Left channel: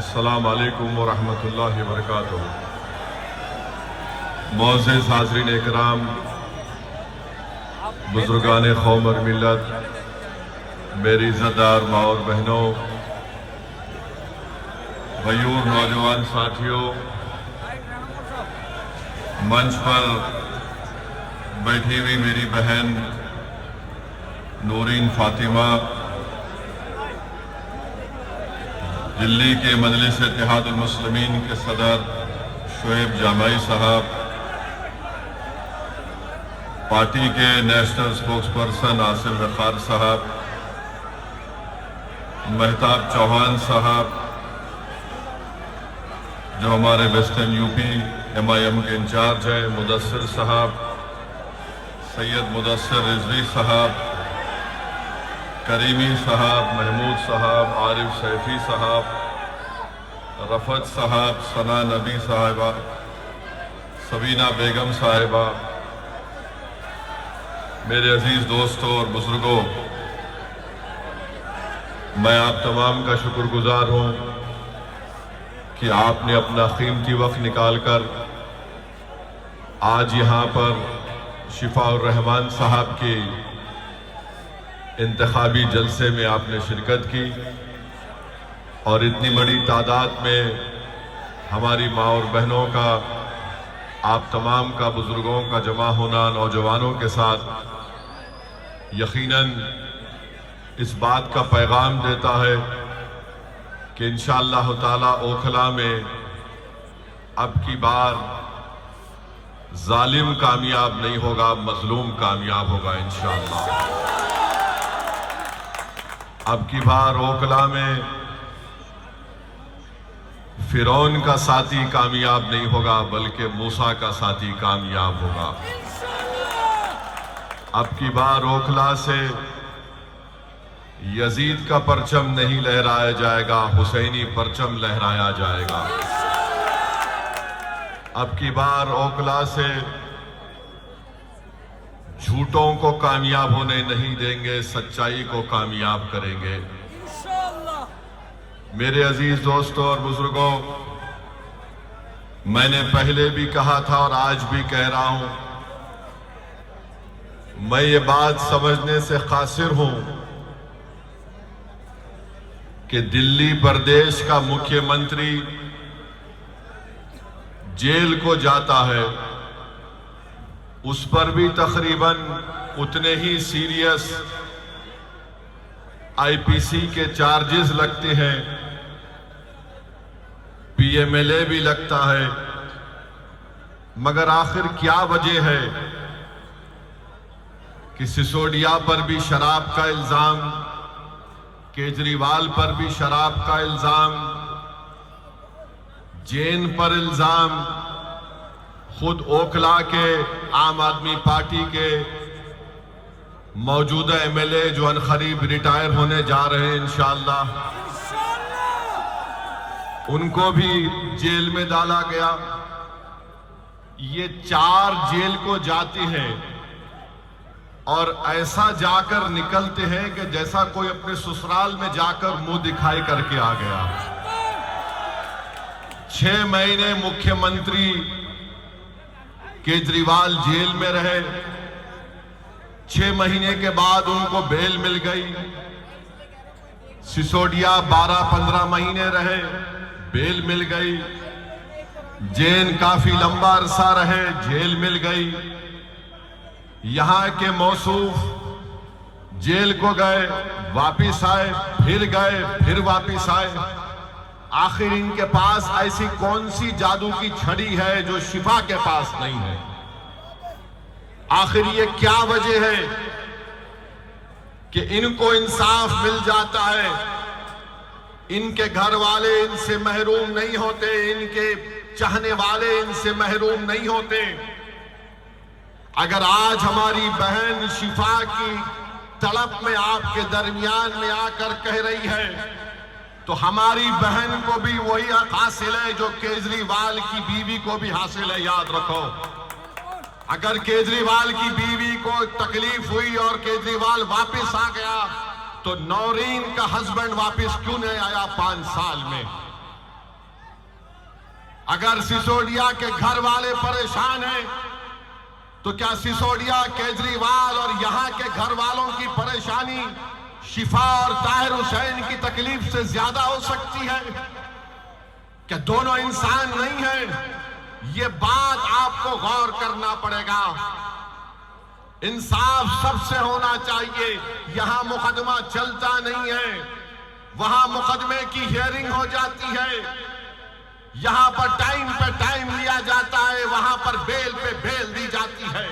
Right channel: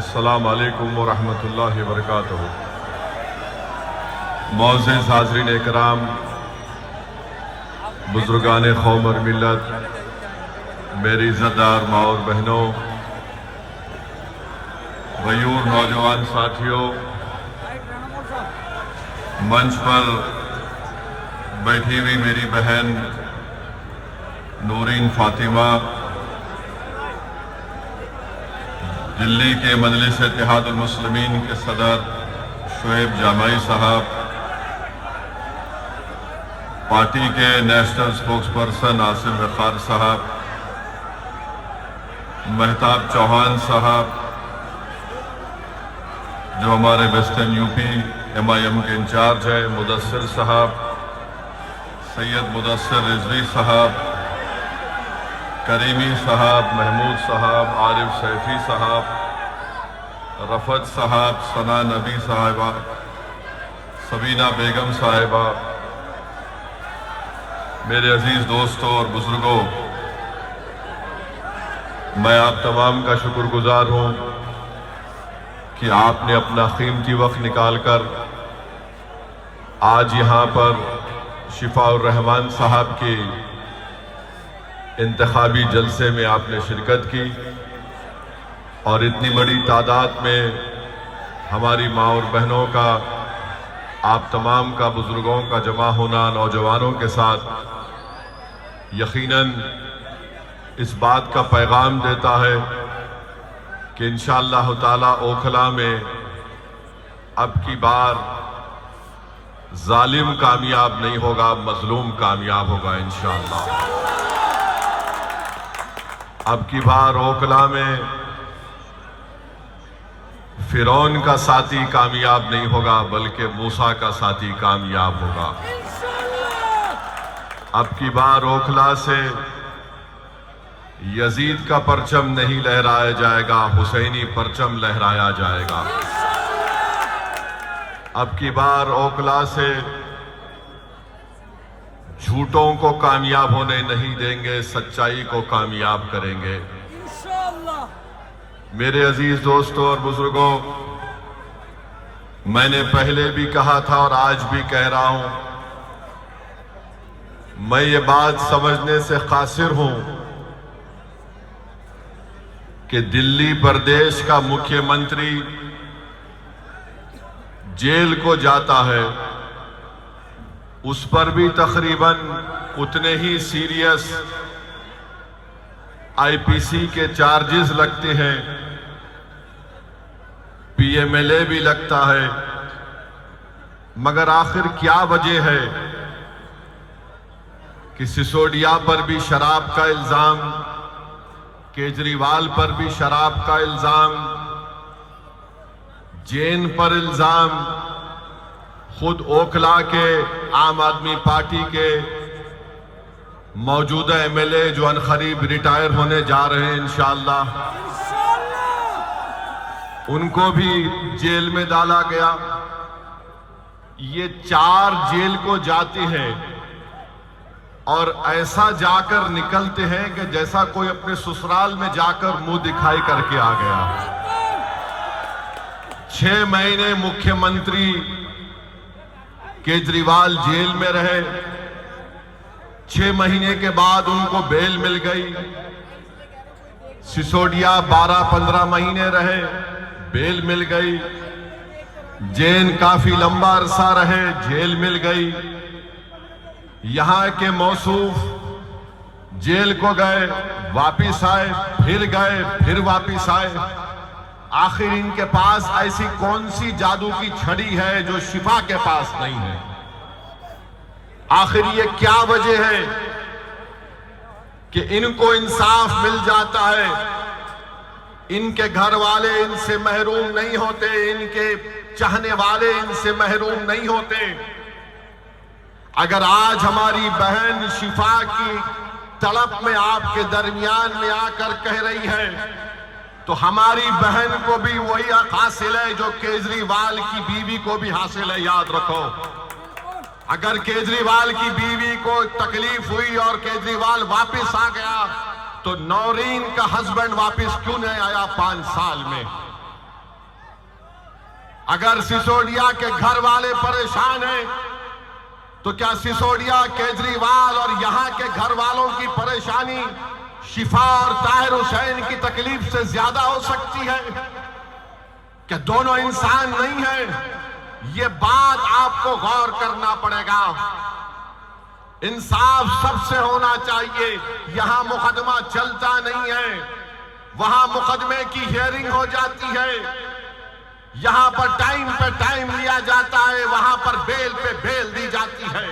अस्सलाम वालेकुम व रहमतुल्लाहि व बरकातुहू। मोअज़्ज़िज़ हाज़रीन इकराम, बुज़ुर्गान क़ौम और मिल्लत, मेरी इज़्ज़तदार माँ और बहनों, गयूर नौजवान साथियों, मंच पर बैठी हुई मेरी बहन नूरीन फातिमा, दिल्ली के मजलिस इत्तेहादुल मुस्लिमीन के सदर शुएब जामाई साहब, पार्टी के नेशनल स्पोक्सपर्सन आसिम वक़ार साहब, महताब चौहान साहब जो हमारे वेस्टर्न यूपी MIM के इंचार्ज है, मुदस्सिर साहब, सैयद मुदस्सिर रिजवी साहब, करीमी साहब, महमूद साहब, आरिफ सैफी साहब, रफत साहब, सना नबी साहिबा, सबीना बेगम साहिबा, मेरे अजीज दोस्तों और बुजुर्गों, मैं आप तमाम का शुक्रगुजार हूं कि आपने अपना कीमती वक्त निकालकर आज यहां पर शिफाउर रहमान साहब के इंतखाबी जलसे में आपने शिरकत की और इतनी बड़ी तादाद में हमारी माँ और बहनों का, आप तमाम का, बुजुर्गों का जमा होना नौजवानों के साथ यकीनन इस बात का पैगाम देता है कि इंशाअल्लाह ताला ओखला में अब की बार जालिम कामयाब नहीं होगा, मजलूम कामयाब होगा इंशाअल्लाह। अब की बार ओखला में फिरौन का साथी कामयाब नहीं होगा, बल्कि मूसा का साथी कामयाब होगा। अब की बार ओखला से यजीद का परचम नहीं लहराया जाएगा, हुसैनी परचम लहराया जाएगा। अब की बार ओखला से झूठों को कामयाब होने नहीं देंगे, सच्चाई को कामयाब करेंगे। मेरे अजीज दोस्तों और बुजुर्गों, मैंने पहले भी कहा था और आज भी कह रहा हूं, मैं ये बात समझने से कासिर हूं कि दिल्ली प्रदेश का मुख्यमंत्री जेल को जाता है, उस पर भी तकरीबन उतने ही सीरियस IPC के चार्जेस लगते हैं, PMLA भी लगता है। मगर आखिर क्या वजह है कि सिसोदिया पर भी शराब का इल्जाम, केजरीवाल पर भी शराब का इल्जाम, जैन पर इल्जाम, खुद ओखला के आम आदमी पार्टी के मौजूदा MLA जो अनकरीब रिटायर होने जा रहे हैं इंशाअल्लाह, उनको भी जेल में डाला गया। ये 4 जेल को जाते हैं और ऐसा जाकर निकलते हैं कि जैसा कोई अपने ससुराल में जाकर मुंह दिखाई करके आ गया। 6 महीने मुख्यमंत्री केजरीवाल जेल में रहे, 6 महीने के बाद उनको बेल मिल गई। सिसोदिया 12-15 महीने रहे, बेल मिल गई। जैन काफी लंबा अरसा रहे, जेल मिल गई। यहां के मौसूफ जेल को गए, वापिस आए, फिर गए, फिर वापिस आए। आखिर इनके पास ऐसी कौन सी जादू की छड़ी है जो शिफा के पास नहीं है? आखिर ये क्या वजह है कि इनको इंसाफ मिल जाता है, इनके घर वाले इनसे महरूम नहीं होते, इनके चाहने वाले इनसे महरूम नहीं होते? अगर आज हमारी बहन शिफा की तड़प में आपके दरमियान में आकर कह रही है, तो हमारी बहन को भी वही हक हासिल है जो केजरीवाल की बीवी को भी हासिल है। याद रखो, अगर केजरीवाल की बीवी को तकलीफ हुई और केजरीवाल वापस आ गया, तो नौरीन का हस्बैंड वापस क्यों नहीं आया 5 साल में? अगर सिसोदिया के घर वाले परेशान हैं तो क्या सिसोदिया, केजरीवाल और यहां के घर वालों की परेशानी शिफा और ताहिर हुसैन की तकलीफ से ज्यादा हो सकती है? क्या दोनों इंसान नहीं हैं? ये बात आपको गौर करना पड़ेगा। इंसाफ सबसे होना चाहिए। यहां मुकदमा चलता नहीं है, वहां मुकदमे की हियरिंग हो जाती है। यहां पर टाइम पे टाइम लिया जाता है, वहां पर बेल पे बेल दी जाती है।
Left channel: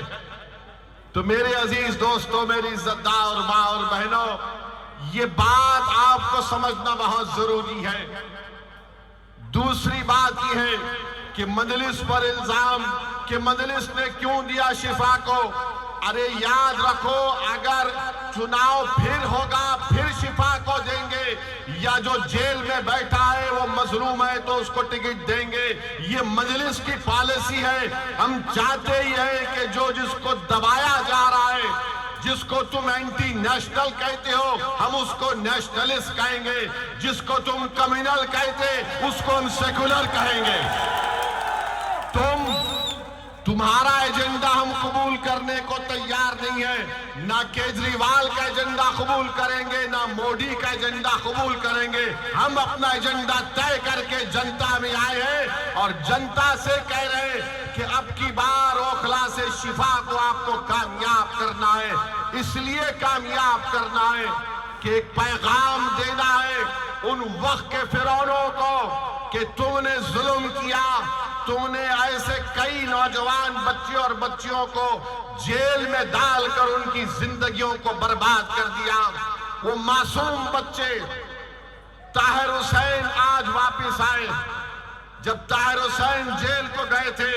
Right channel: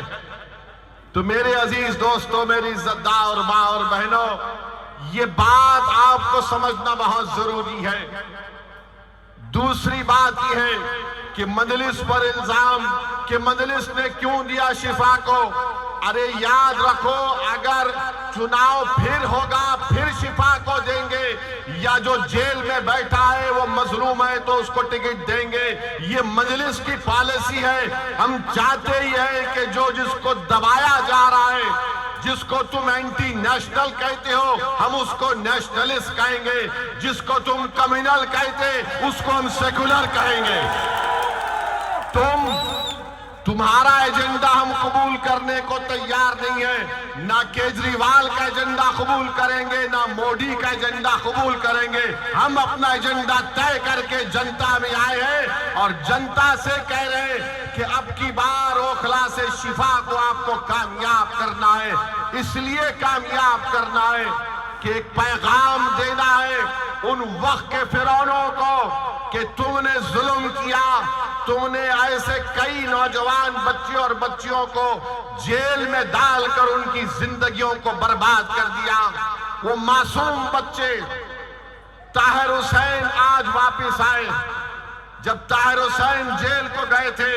तो मेरे अजीज दोस्तों, मेरी इज्जतदार मां और बहनों, ये बात आपको समझना बहुत जरूरी है। दूसरी बात यह है कि मजलिस पर इल्जाम कि मजलिस ने क्यों दिया शिफा को। अरे याद रखो, अगर चुनाव फिर होगा फिर शिफा को देंगे, या जो जेल में बैठा है वो मजलूम है तो उसको टिकट देंगे। ये मजलिस की पॉलिसी है। हम चाहते ही है कि जो जिसको दबाया जा रहा है, जिसको तुम एंटी नेशनल कहते हो, हम उसको नेशनलिस्ट कहेंगे। जिसको तुम कम्युनल कहते, उसको हम सेकुलर कहेंगे। तुम्हारा एजेंडा हम कबूल करने को तैयार नहीं है। ना केजरीवाल का एजेंडा कबूल करेंगे, ना मोदी का एजेंडा कबूल करेंगे। हम अपना एजेंडा तय करके जनता में आए हैं और जनता से कह रहे हैं कि अब की बार ओखला से शिफा को आपको कामयाब करना है। इसलिए कामयाब करना है कि एक पैगाम देना है उन वक्त के फिरौनों को कि तुमने जुल्म किया, तुमने ऐसे कई नौजवान बच्चे और बच्चियों को जेल में डालकर उनकी जिंदगियों को बर्बाद कर दिया। वो मासूम बच्चे ताहिर हुसैन आज वापस आए। जब ताहिर हुसैन जेल को गए थे,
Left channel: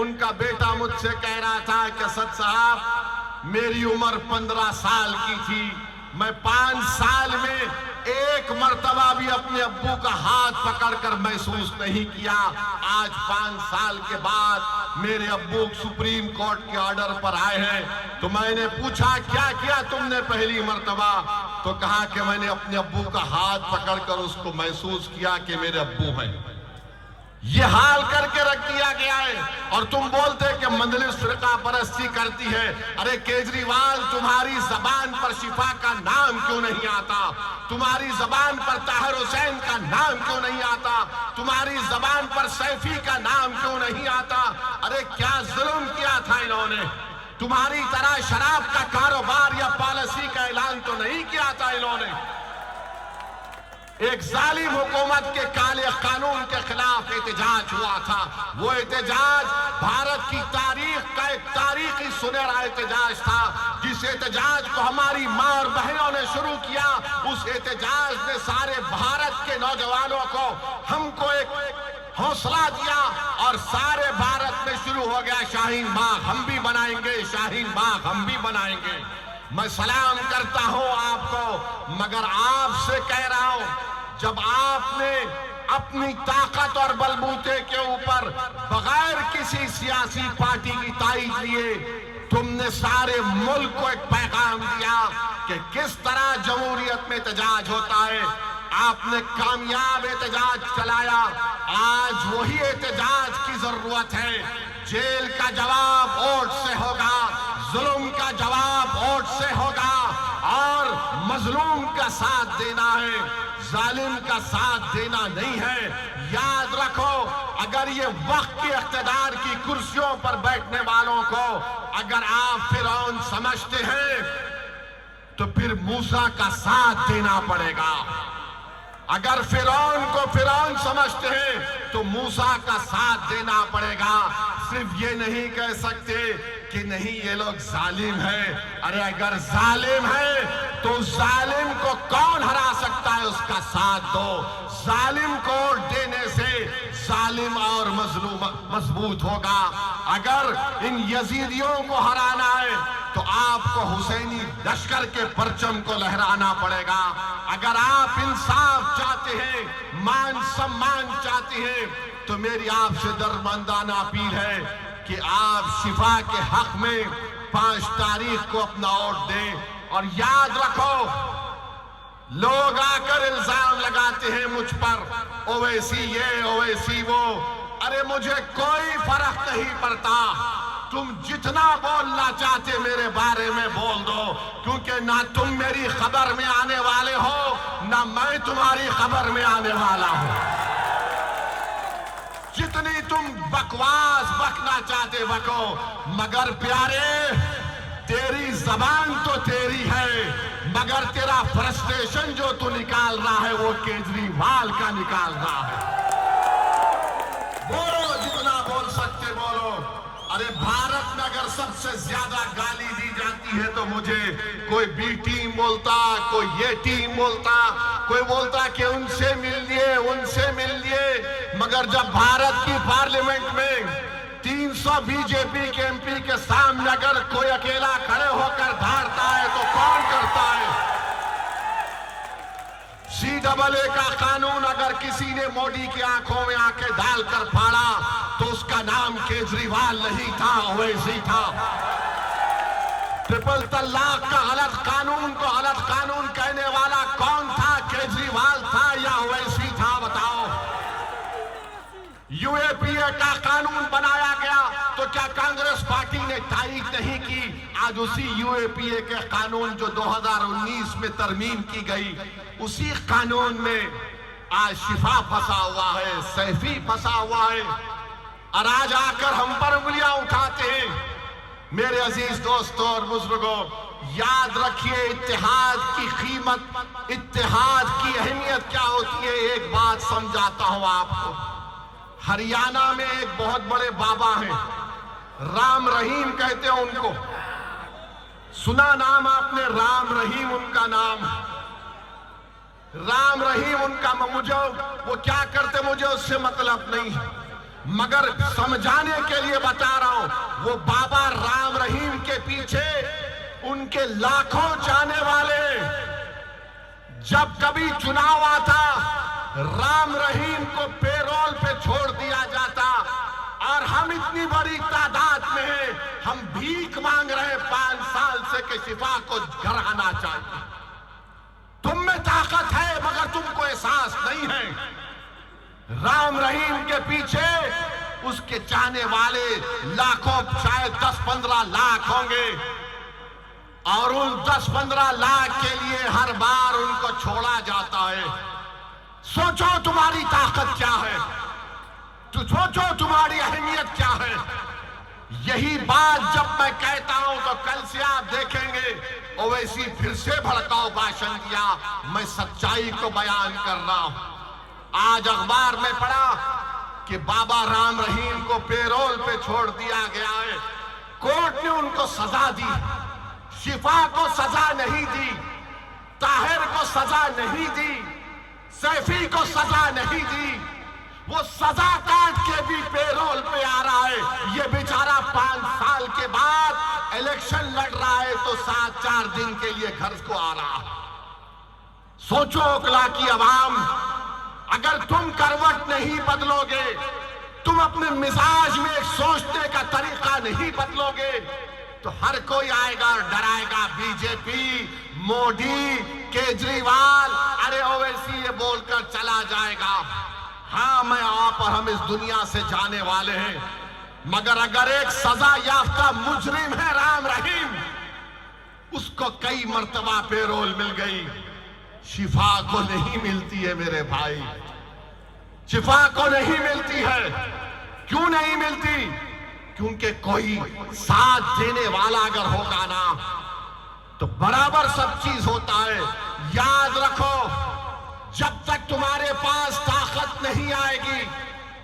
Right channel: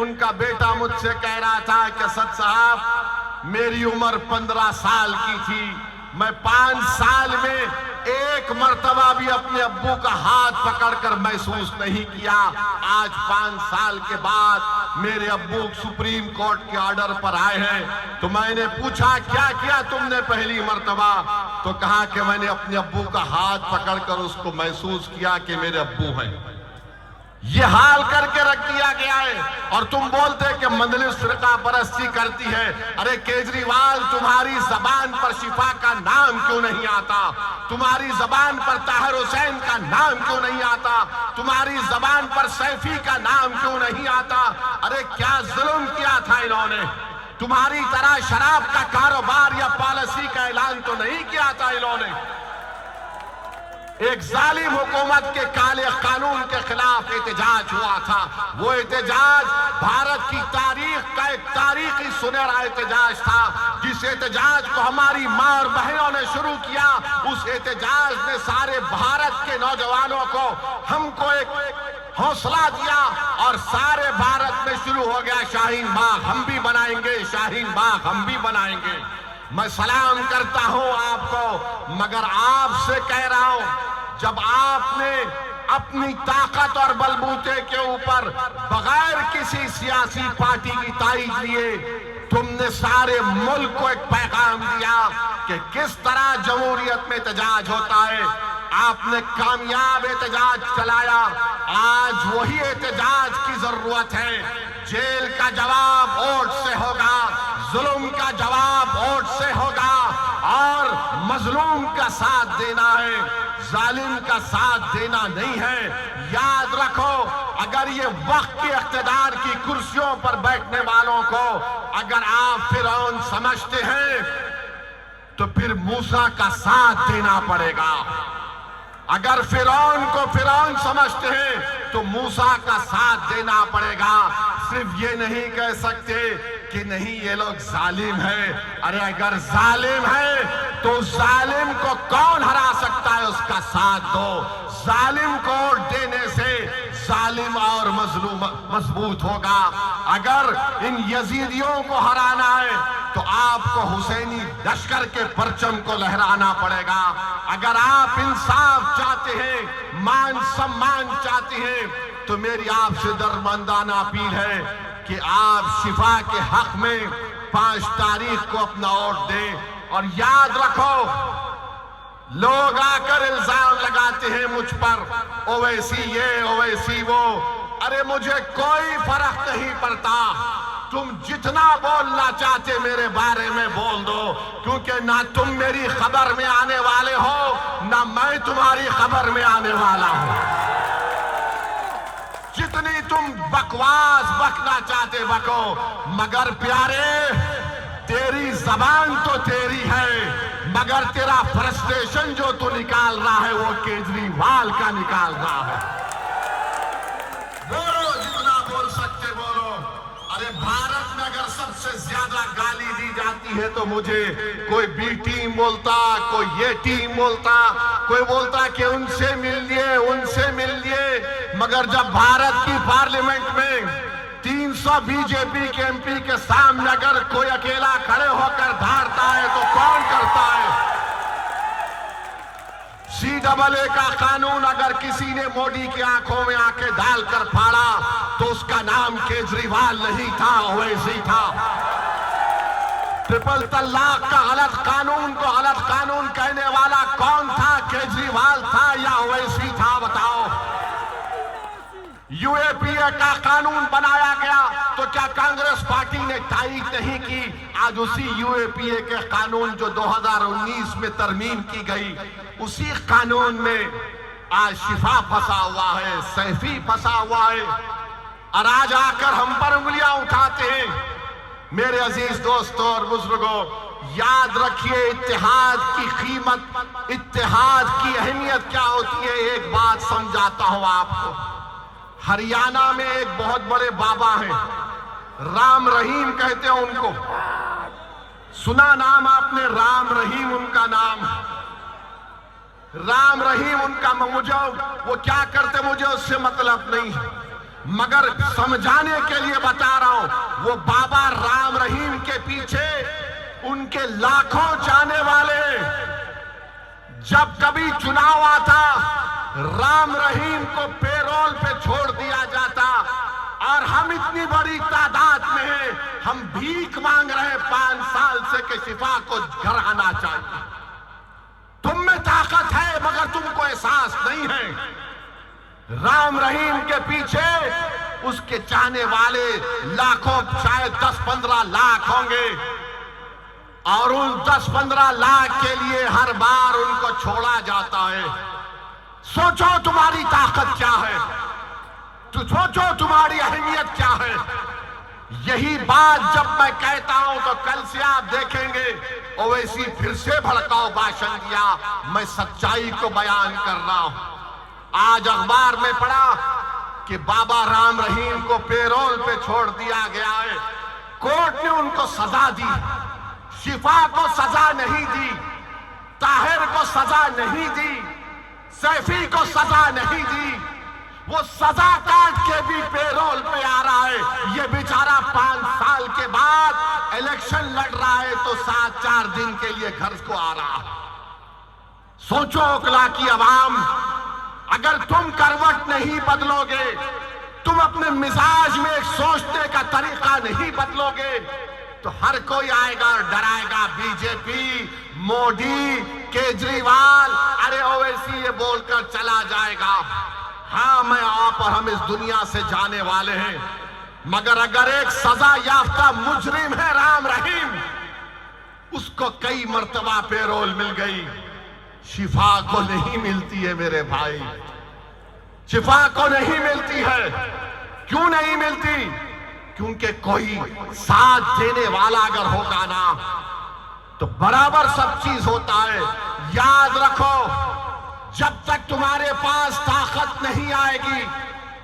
उनका बेटा मुझसे कह रहा था कि सद साहब, मेरी उम्र 15 साल की थी, मैं 5 साल में एक मर्तबा भी अपने अब्बू का हाथ पकड़कर महसूस नहीं किया। आज 5 साल के बाद मेरे अब्बू सुप्रीम कोर्ट के ऑर्डर पर आए हैं। तो मैंने पूछा, क्या किया तुमने पहली मर्तबा? तो कहा कि मैंने अपने अब्बू का हाथ पकड़कर उसको महसूस किया कि मेरे अब्बू हैं। ये हाल करके रख दिया गया है और तुम बोलते कि मजलिस फिरका परस्ती करती है। अरे केजरीवाल, तुम्हारी जबान पर शिफा का नाम क्यों नहीं आता? तुम्हारी जबान पर ताहिर हुसैन का नाम क्यों नहीं आता? तुम्हारी जबान पर सैफी का नाम क्यों नहीं आता? अरे क्या जुल्म किया था इन्होंने? तुम्हारी तरह शराब का कारोबार या पॉलिसी का ऐलान तो नहीं किया था इन्होंने। एक जालिम हुकूमत के काले कानून के खिलाफ एहतजाज हुआ था। वो एहतजाज भारत की तारीख का एक तारीखी सुनहरा एहतजाज था। जिस एहतजाज को हमारी मां और बहनों ने शुरू किया, उस एहतजाज ने सारे भारत के नौजवानों को, हमको एक हौसला दिया और सारे भारत में शुरू हो गया शाहीन बाग हम भी बनाएंगे, शाहीन बाग हम भी बनाएंगे। मैं सलाम करता हूं आपको, मगर आपसे कह रहा हूं, जब आपने अपनी ताकत और बलबूते के ऊपर बगैर किसी सियासी पार्टी की ताईद लिए तुमने सारे मुल्क को एक पैगाम दिया कि किस तरह जमहूरियत में एहतजाज होता है, आपने कामयाब एहतजाज चलाया। आज वही एहतजाज की जरूरत है। जेल का जवाब वोट से होगा, जुल्म का जवाब वोट से होगा और मजलूम का साथ देना है, जालिम का साथ देना नहीं है। याद रखो, अगर ये वक्त के इख्तिदार की कुर्सियों पर बैठने वालों को अगर आप फिरौन समझते हैं तो फिर मूसा का साथ देना पड़ेगा। अगर फिरौन को फिरौन समझते हैं तो मूसा का साथ देना पड़ेगा। सिर्फ ये नहीं कह सकते कि नहीं ये लोग जालिम है। अरे अगर जालिम है तो जालिम को कौन हरा सकता है, उसका साथ दो। जालिम को वोट देने से जालिम और मजलूम मजबूत होगा। अगर इन यजीदियों को हराना है तो आपको हुसैनी लश्कर के परचम को लहराना पड़ेगा। अगर आप इंसाफ चाहते हैं, मान सम्मान चाहते हैं, तो मेरी आपसे दरमंदाना अपील है कि आप शिफा के हक में 5 तारीख को अपना वोट दें। और याद रखो, लोग आकर इल्जाम लगाते हैं मुझ पर, ओवैसी ये ओवैसी वो। अरे मुझे कोई फर्क नहीं पड़ता, तुम जितना बोलना चाहते मेरे बारे में बोल दो, क्योंकि ना तुम मेरी खबर में आने वाले हो ना मैं तुम्हारी खबर में आने वाला हूं। जितनी तुम बकवास बकना चाहते बको, मगर प्यारे तेरी जबान तो तेरी है, मगर तेरा फ्रस्ट्रेशन जो तू निकाल रहा है वो केजरीवाल का निकाल रहा है। बोलो, जितना बोल सकते बोलो। अरे भारत में अगर सबसे ज्यादा गाली दी जाती है तो मुझे कोई बी टीम बोलता, कोई ये टीम बोलता, कोई बोलता कि उनसे मिल लिए, मगर जब भारत की पार्लियामेंट में 300 बीजेपी के एमपी के सामने अगर कोई अकेला खड़े होकर धारता है तो कौन करता है? CAA का कानून अगर किसी ने मोदी की आंखों में आंखें डालकर फाड़ा तो उसका नाम केजरीवाल नहीं था, ओवैसी था। ट्रिपल तलाक का गलत कानून को गलत कानून कहने वाला कौन था? केजरीवाल था या ओवैसी था? बताओ। UAPA का कानून बनाया गया तो क्या कांग्रेस पार्टी ने तारीख नहीं की? आज उसी UAPA के कानून जो 2019 में तरमीम की गई, उसी कानून में आज शिफा फंसा हुआ है, सैफी फंसा हुआ है, और आज आकर हम पर उंगलियां उठाते हैं। मेरे अजीज दोस्तों और बुजुर्गों, याद रखिए इत्तेहाद की कीमत, इत्तेहाद की अहमियत क्या होती है। एक बात समझाता हूं आपको। हरियाणा में एक बहुत बड़े बाबा हैं, राम रहीम कहते हैं उनको। सुना नाम आपने? राम रहीम उनका नाम। राम रहीम उनका, मुझे वो क्या करते मुझे उससे मतलब नहीं, मगर समझाने के लिए बता रहा हूं। वो बाबा राम रहीम के पीछे उनके लाखों चाहने वाले, जब कभी चुनाव आता राम रहीम को पेरोल पे छोड़ दिया जाता, और हम इतनी बड़ी तादाद में हैं, हम भीख मांग रहे 5 साल से कि शिफा को घर आना चाहिए। तुम में ताकत है मगर तुमको एहसास नहीं है। राम रहीम के पीछे उसके चाहने वाले लाखों, शायद 10-15 लाख होंगे, और उन 10-15 लाख के लिए हर बार उनको छोड़ा जाता है। सोचो तुम्हारी ताकत क्या है, तो सोचो तुम्हारी अहमियत क्या है। यही बात जब मैं कहता हूं तो कल से आप देखेंगे ओवैसी फिर से भड़काऊ भाषण दिया। मैं सच्चाई को बयान कर रहा हूं। आज अखबार में पढ़ा कि बाबा राम रहीम को पेरोल पे छोड़ दिया गया है। कोर्ट ने उनको सजा दी, शिफा को सजा नहीं दी, ताहिर को सजा नहीं दी, सैफी को सजा नहीं दी। वो सजा काट के भी पेरोल पे आ रहा है। ये बेचारा 5 साल के बाद इलेक्शन लड़ रहा है तो 4 दिन के लिए घर को आ रहा है। सोचो ओकला की आवाम, अगर तुम करवट नहीं बदलोगे, तुम अपने मिजाज में सोचने का तरीका नहीं बदलोगे, तो हर कोई आएगा और डराएगा बीजेपी, मोदी, केजरीवाल, अरे ओवैसी ये बोलकर चला जाएगा। हाँ, मैं आप और हम इस दुनिया से जाने वाले हैं, मगर अगर एक सजा याफ्ता मुजरिम है राम रहीम, उसको कई मर्तबा पेरोल मिल गई, शिफा को नहीं मिलती है मेरे भाई, शिफा को नहीं मिलती है। क्यों नहीं मिलती? क्योंकि कोई साथ देने वाला अगर होगा ना तो बराबर सब चीज होता है। याद रखो, जब तक तुम्हारे पास ताकत नहीं आएगी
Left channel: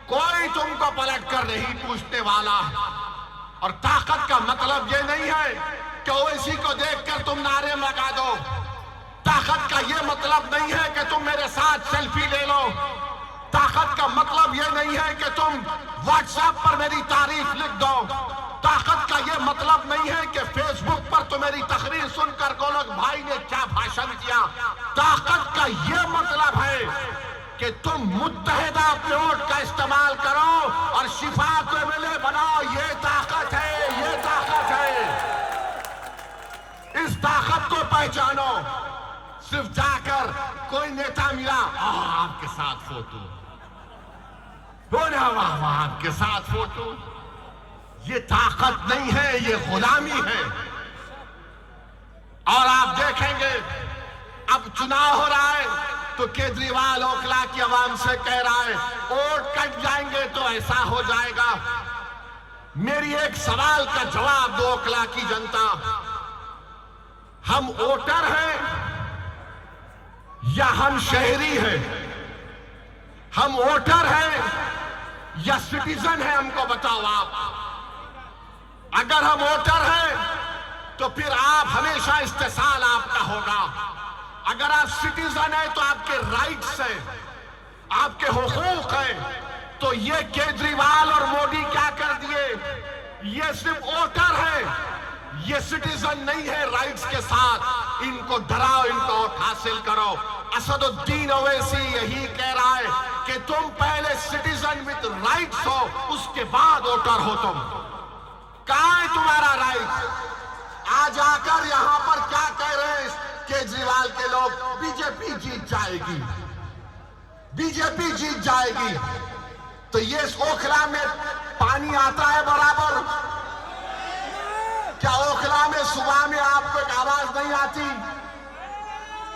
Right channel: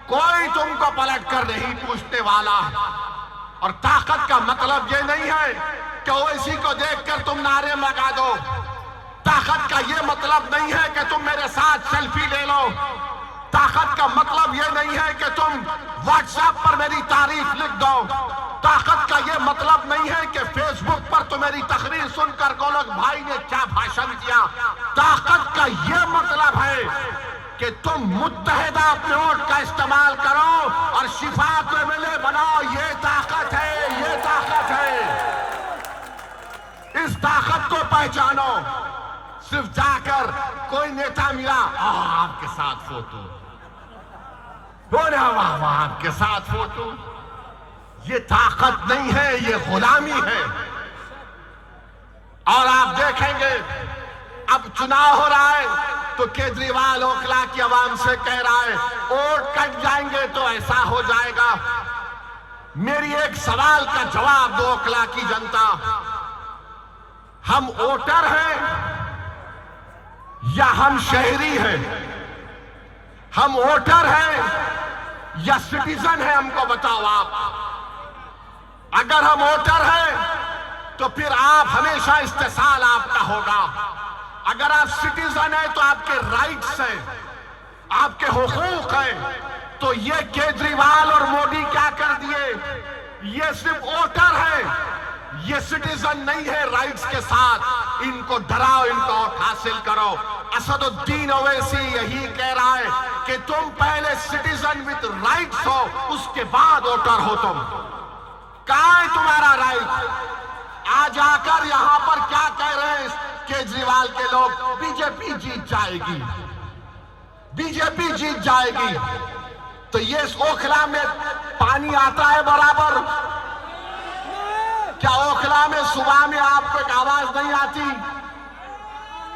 कोई तुमको पलट कर नहीं पूछने वाला। और ताकत का मतलब ये नहीं है कि ओवैसी को देखकर तुम नारे लगा दो। ताकत का ये मतलब नहीं है कि तुम मेरे साथ सेल्फी ले लो। ताकत का मतलब ये नहीं है कि तुम व्हाट्सएप पर मेरी तारीफ लिख दो। ताकत का ये मतलब नहीं है कि फेसबुक पर तो मेरी तकरीर सुनकर गोलक भाई ने क्या भाषण दिया। ताकत का ये मतलब है कि तुम मुत्तहिदा अपने वोट का इस्तेमाल करो और शिफा को एमएलए बनाओ। ये ताकत है, ये ताकत है। इस ताकत को पहचानो। सिर्फ जाकर कोई नेता मिला आपके साथ फोटो, बोले वाह वाह आपके साथ फोटो। ये ताकत नहीं है, ये गुलामी है। और आप देखेंगे अब चुनाव हो रहा है तो केजरीवाल ओखला की आवाम से कह रहा है वोट कट जाएंगे तो ऐसा हो जाएगा। मेरी एक सवाल का जवाब दो ओखला की जनता, हम वोटर हैं या हम शहरी हैं? हम वोटर हैं या सिटीजन हैं? हमको बताओ आप। अगर हम वोटर हैं तो फिर आप हमेशा इस्तेसाल आपका होगा। अगर आप सिटीजन हैं तो आपके राइट्स हैं, आपके हुकूक हैं। तो ये केजरीवाल और मोदी क्या कर दिए? ये सिर्फ वोटर है, ये सिटीजन नहीं है राइट्स के साथ। इनको डराओ, इनको वोट हासिल करो। असदुद्दीन ओवैसी यही कह रहा है कि तुम पहले सिटीजन विद राइट्स हो, उसके बाद वोटर हो तुम। कहां है तुम्हारा राइट? आज आकर यहां पर क्या कह रहे हैं केजरीवाल के लोग? बीजेपी जीत जाएगी, बीजेपी जीत जाएगी। तो ये ओखला में पानी आता है बराबर? क्या ओखला में सुबह में आपको एक आवाज नहीं आती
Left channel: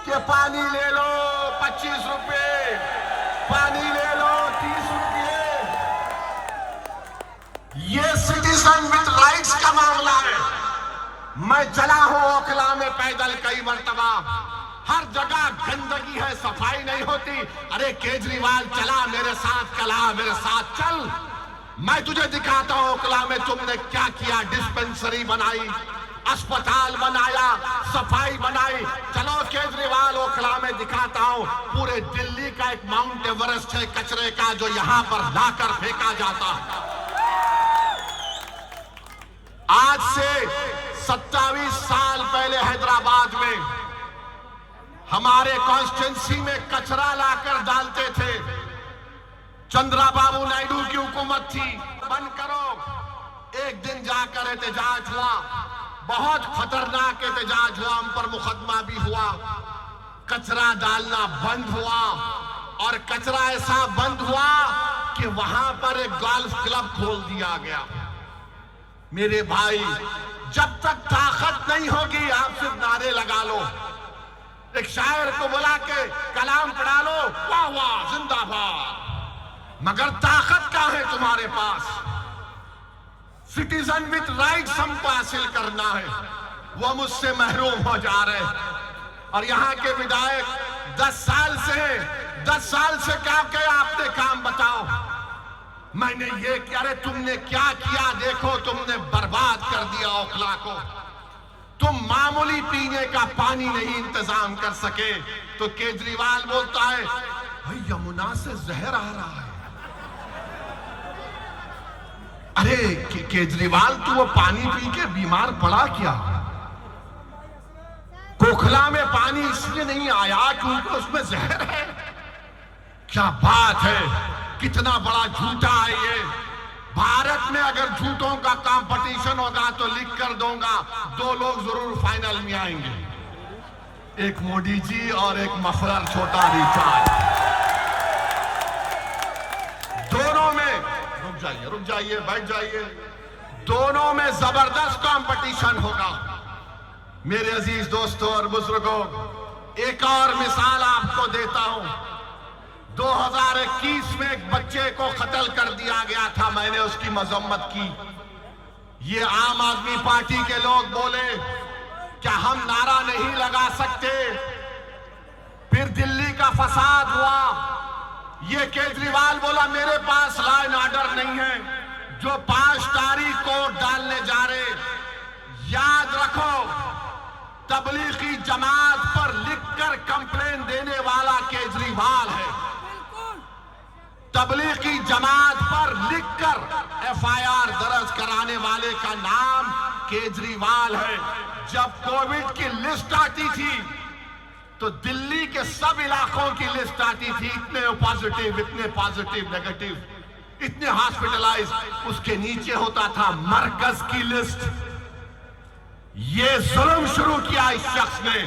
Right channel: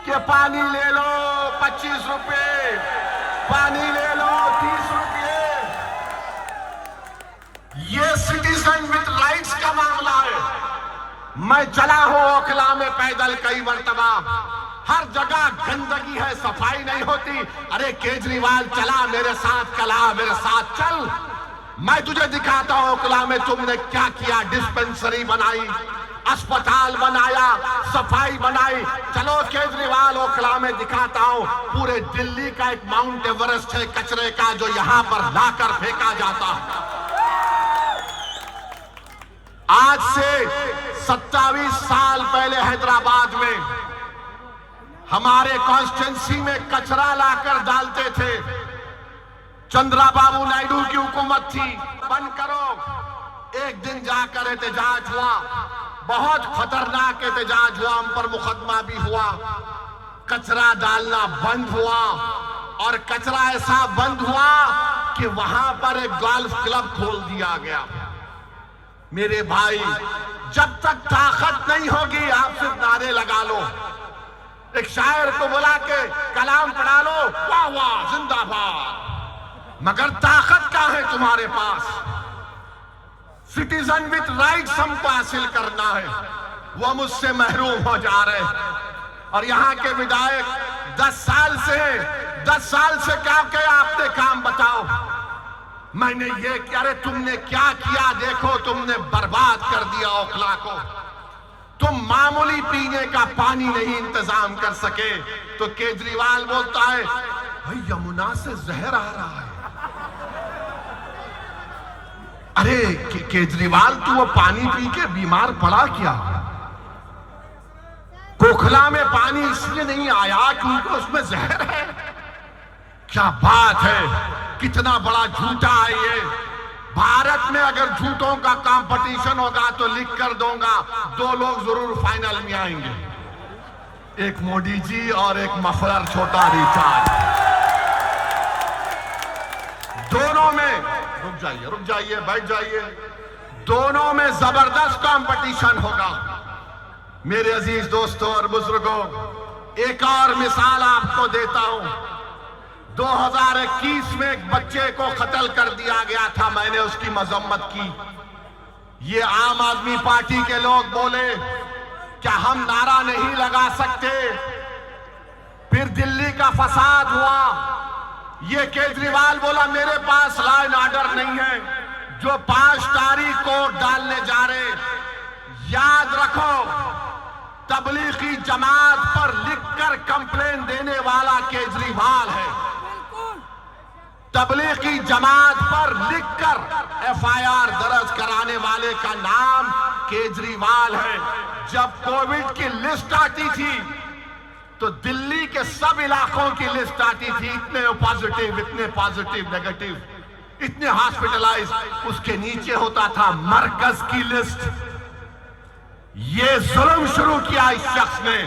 कि पानी ले लो 25 रुपए, पानी ले लो 30 रुपए? ये सिटीजन विद राइट्स का मामला है। मैं चला हूं ओखला में पैदल कई मरतबा, हर जगह गंदगी है, सफाई नहीं होती। अरे केजरीवाल चला मेरे साथ, चला मेरे साथ चल, मैं तुझे दिखाता हूं ओखला में तुमने क्या किया। डिस्पेंसरी बनाई, अस्पताल बनाया, सफाई बनाई। चलो केजरीवाल ओखला में दिखाता हूं। पूरे दिल्ली का एक माउंट एवरेस्ट है कचरे का जो यहां पर लाकर फेंका जाता है। आज से 27 साल पहले हैदराबाद में हमारे कॉन्स्टिट्यूंसी में कचरा लाकर डालते थे। चंद्रबाबू नायडू की हुकूमत थी, बंद करो। एक दिन जाकर एहतजाज हुआ, बहुत खतरनाक एहतजाज हुआ, हम पर मुकदमा भी हुआ। कचरा डालना बंद हुआ और कचरा ऐसा बंद हुआ कि वहां पर एक गोल्फ क्लब खोल दिया गया। मेरे भाई, जब तक ताकत नहीं होगी आप सिर्फ नारे लगा लो। एक शायर को बुला के कलाम पढ़ा लो, वाह वाह जिंदाबाद, मगर ताकत क्या है तुम्हारे पास? सिटीजन विद राइट्स हमको हासिल करना है, वो मुझसे महरूम हो जा रहे हैं। और यहां के विधायक 10 साल से 10 साल से क्या किया आपने काम बताओ? मैंने ये किया। अरे तुमने क्या किया देखो, तुमने बर्बाद कर दिया ओखला को। तुम मामूली पीने का पानी नहीं इंतजाम कर सके तो केजरीवाल बोलता है भाई यमुना से जहर आ रहा है। अरे केजरीवाल तू वो पानी पी के बीमार पड़ा क्या? ओखला में पानी इसलिए नहीं आया क्योंकि उसमें जहर है। क्या बात है, कितना बड़ा झूठा है ये। भारत में अगर झूठों का कंपटीशन होगा तो लिख कर दूंगा 2 लोग जरूर फाइनल में आएंगे, एक मोदी जी और एक मफलर छोटा रिचार्ज। दोनों में रुक जाइए बैठ जाइए, दोनों में जबरदस्त कंपटीशन होगा। मेरे अजीज दोस्तों और बुजुर्गों, एक और मिसाल आपको देता हूं। 2021 में एक बच्चे को कत्ल कर दिया गया था, मैंने उसकी मजम्मत की। ये आम आदमी पार्टी के लोग बोले क्या हम नारा नहीं लगा सकते? फिर दिल्ली का फसाद हुआ, ये केजरीवाल बोला मेरे पास लॉ एंड ऑर्डर नहीं है। जो 5 तारीख को डालने जा रहे, याद रखो तबलीगी जमात पर लिखकर कंप्लेन देने वाला केजरीवाल है। तबलीगी जमात पर लिखकर एफआईआर दर्ज कराने वाले का नाम केजरीवाल है। जब कोविड की लिस्ट आती थी तो दिल्ली के सब इलाकों की लिस्ट आती थी, इतने पॉजिटिव नेगेटिव, इतने हॉस्पिटलाइज, उसके नीचे होता था मरकज की लिस्ट। ये जुल्म शुरू किया इस शख्स ने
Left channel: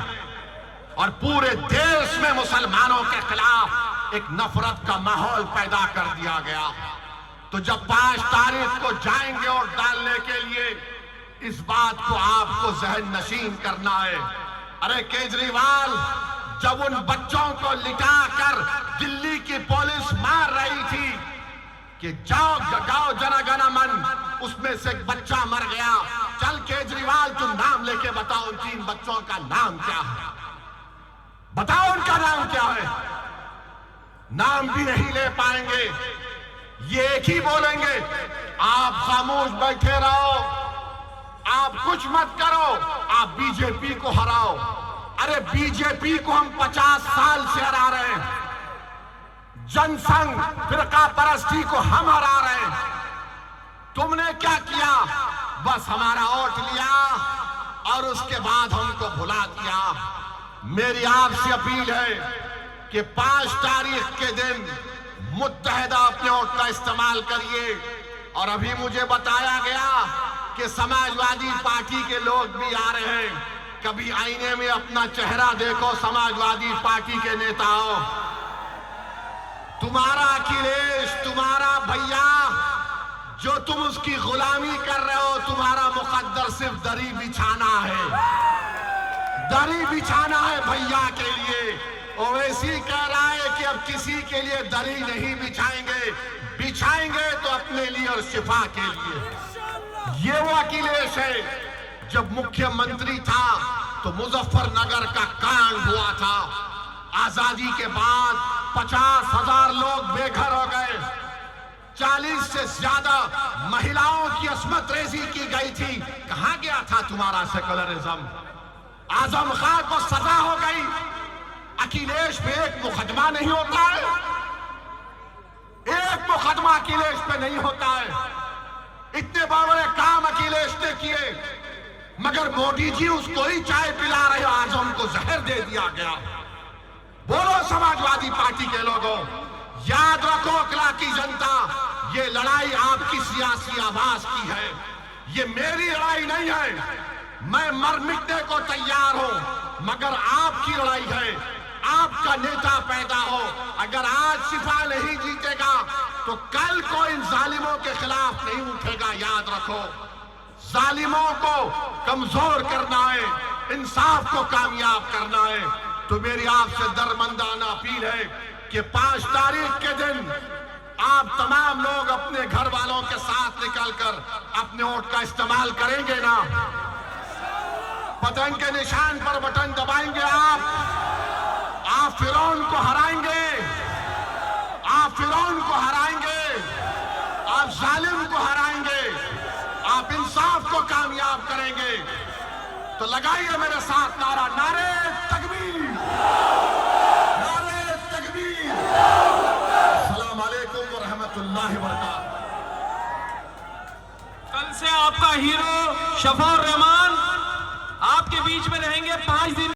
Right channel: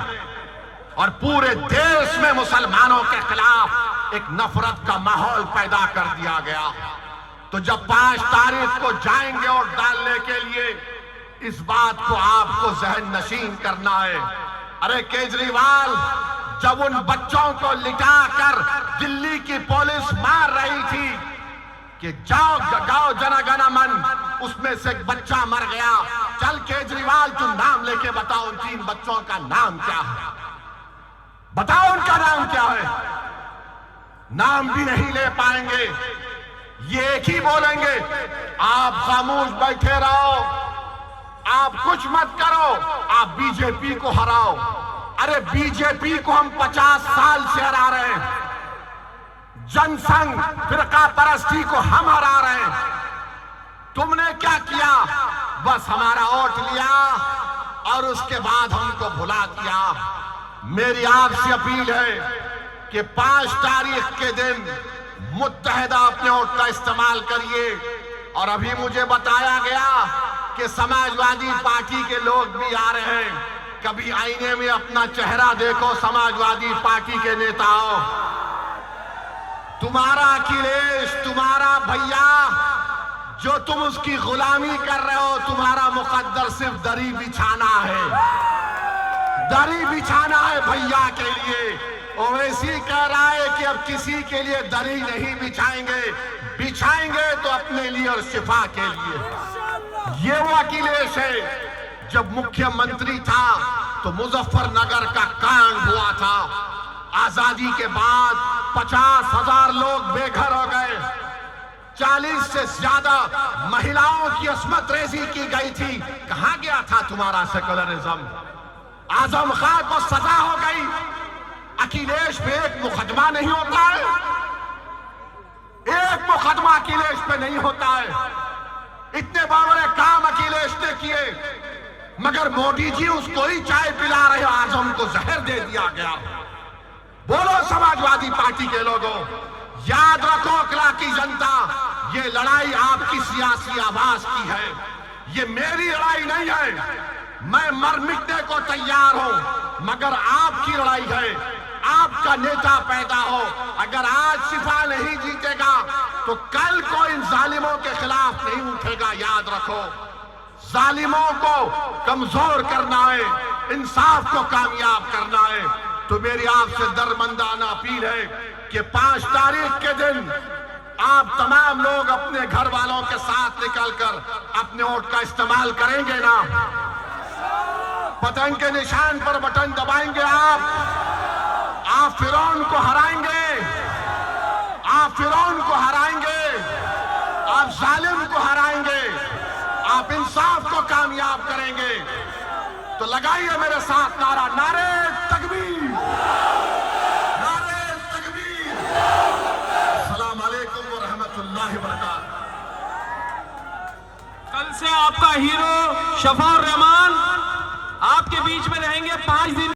और पूरे देश में मुसलमानों के खिलाफ एक नफरत का माहौल पैदा कर दिया गया। तो जब 5 तारीख को जाएंगे और डालने के लिए, इस बात को आपको जहन नशीन करना है। अरे केजरीवाल, जब उन बच्चों को लिटाकर दिल्ली की पुलिस मार रही थी कि जाओ गाओ जनगण मन, उसमें से एक बच्चा मर गया। चल केजरीवाल, तुम नाम लेके बताओ उन 3 बच्चों का नाम क्या है, बताओ उनका नाम क्या है। नाम भी नहीं ले पाएंगे। ये एक ही बोलेंगे, आप खामोश बैठे रहो, आप कुछ मत करो, आप बीजेपी को हराओ। अरे बीजेपी को हम 50 साल से हरा रहे हैं, जनसंघ फिरका परस्ती को हम हरा रहे हैं। तुमने क्या किया? बस हमारा वोट लिया और उसके बाद हमको भुला दिया। मेरी आपसे अपील है कि 5 तारीख के दिन मुत्तहिदा अपने वोट का इस्तेमाल करिए। और अभी मुझे बताया गया कि समाजवादी पार्टी के लोग भी आ रहे हैं। कभी आईने में अपना चेहरा देखो समाजवादी पार्टी के नेताओं। तुम्हारा अखिलेश, तुम्हारा भैया, जो तुम उसकी गुलामी कर रहे हो, तुम्हारा मुकद्दर सिर्फ दरी बिछाना है, दरी बिछाना है भैया के लिए। ओवैसी कह रहा है कि अब किसी के लिए दरी नहीं बिछाएंगे, बिछाएंगे तो अपने लिए और शिफा के लिए। ये वो अखिलेश है। जब मुख्यमंत्री था तो मुजफ्फरनगर का कांड हुआ था। आजादी के बाद 50,000 लोग बेघर हो गए, 40 से ज्यादा महिलाओं की अस्मत रेजी की गई थी। कहां गया था तुम्हारा सेकुलरिज्म? आजम खान को सजा हो गई, अखिलेश पे एक मुकदमा नहीं होता है, एक मुकदमा अखिलेश पे नहीं होता है। इतने बड़े काम अखिलेश ने किए, मगर मोदी जी उसको ही चाय पिला रहे, आजम को जहर दे दिया गया। बोलो समाजवादी पार्टी के लोगों, याद रखो अकला की जनता, ये लड़ाई आपकी सियासी आवाज की है, ये मेरी लड़ाई नहीं है। मैं मर मिटने को तैयार हूं, मगर आपकी लड़ाई है। आपका नेता पैदा हो, अगर आज शिफा नहीं जीतेगा तो कल को इन जालिमों के खिलाफ नहीं उठेगा। याद रखो, जालिमों को कमजोर करना है, इंसाफ को कामयाब करना है। तो मेरी आपसे दरमंदाना अपील है कि 5 तारीख के दिन आप तमाम लोग अपने घर वालों के साथ निकलकर अपने वोट का इस्तेमाल करेंगे ना? पतंग के निशान पर बटन दबाएंगे आप फिरौन को हराएंगे, आप फिरौन को हराएंगे, आप जालिम को हराएंगे, आप इंसाफ को कामयाब करेंगे। तो लगाइए मेरे साथ नारा, नारे तकबीर, नारे तकबीर। अस्सलाम वालेकुम व रहमतुल्लाहि व बरकातहू। कल से आपका हीरो शफाउर रहमान आपके बीच में रहेंगे 5 दिन।